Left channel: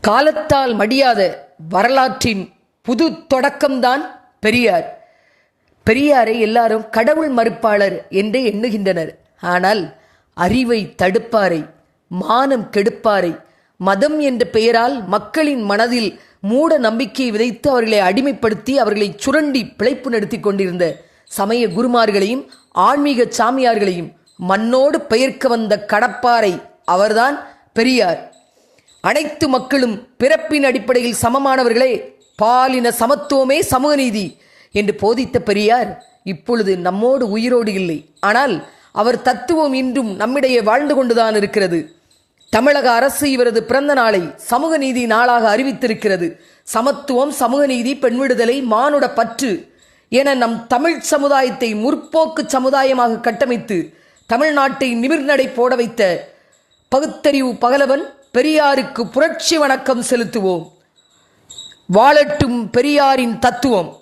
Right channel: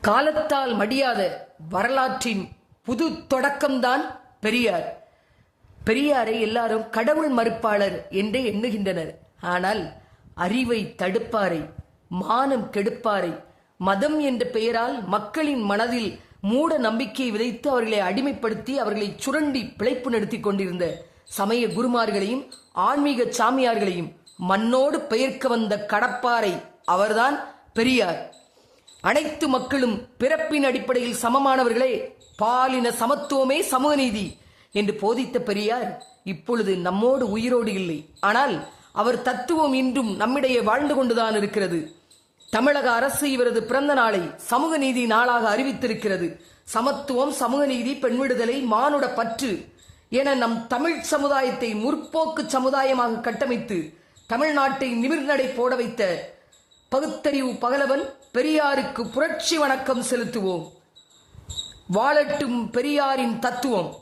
காலத்தால் மடியாத வரலாற்றின் புது தொடக்கம்தான் பெரியார். பெரியாரை எல்லாரும் கடவுள் மறுப்பாளர் என்றே எண்ணுகின்றனர். ஆனால் அறிவை தடுப்பாரை மானம் கெடுப்பாரை மதம் என்ற பெயரால் மக்களின் மனதில் மூட நம்பிக்கையை விதைத்து அவர்களை அடிமைப்படுத்தி அவர்களை சுரண்டி பிழைப்பு நடத்தி கொண்டிருந்த சமய குருமார்களையும் ஆன்மீக சாமியார்களையும் மண்ணோடு பெயர்க்க வந்த கடப்பாரை அவர்தான் பெரியார். அனைத்து மக்களும் பிறப்பின் அடிப்படையில் சமமானவர்களே பாலின சமத்துவமே சமூக நீதி என்று போதித்த பெரியார் இப்பொழுது நம்மோடு உயிரோடு இல்லை. ஆனால் அவர் தத்துவம் இன்றும் நம்மிடையே வாழ்ந்து கொண்டுதான் இருக்கிறது. தமிழக அரசு இவரது பிறந்த நாளை சமூக நீதி நாளாக அறிவித்திருக்கிறது. சமத்துவம் சமூக நீதி பெண் விடுதலை மானுட பற்று என நம் தமிழ் சமுதாயத்தை முற்போக்கு சமுதாயமாக கட்டமைத்து தமிழ்நாட்டை நிமிர்நடை போட வைத்த பகுத்தறிவு பகலவன் பெரியாருக்கு புரட்சி வணக்கம் செலுத்துவோம். வாழட்டும் பெரியாரின் தத்துவம்.